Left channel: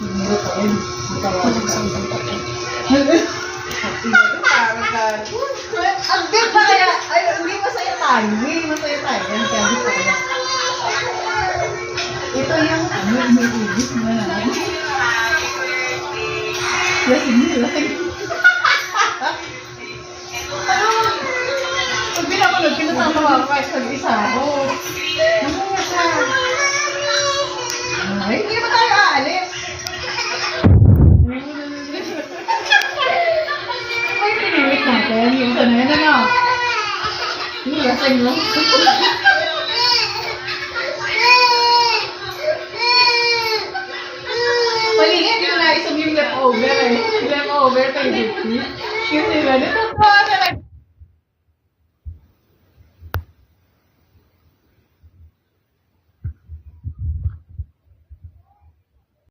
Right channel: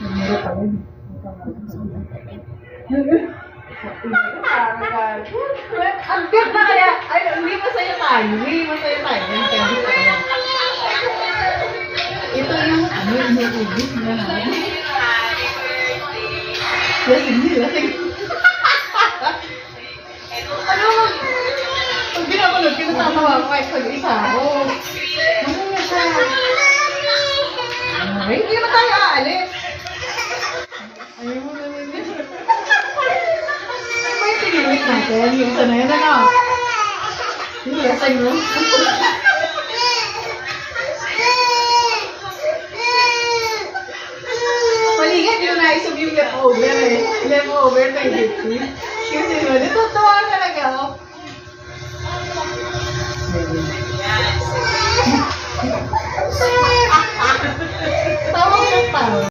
Nagmira pa rin. Walang sambal pa rin. Ang deep na kaya. Ay, hindi masaya tayo. Hindi masaya tayo. Kaya gusto ko yan. Ito yung ano, iniibig mo na. Lasing niyo, lasing. Ano? Hindi ako nagpinasama ako kahit pag-isa ako. Ano nga siya? Ay, hindi naman tayo aalis. Ayaw mo naman. May pinilit natin. Yung sana yan, ano? Yung lasing mo. Malingat yung naisog yung leftover eh. Leftover kay Vicky. Kasi ba, natutuwa talaga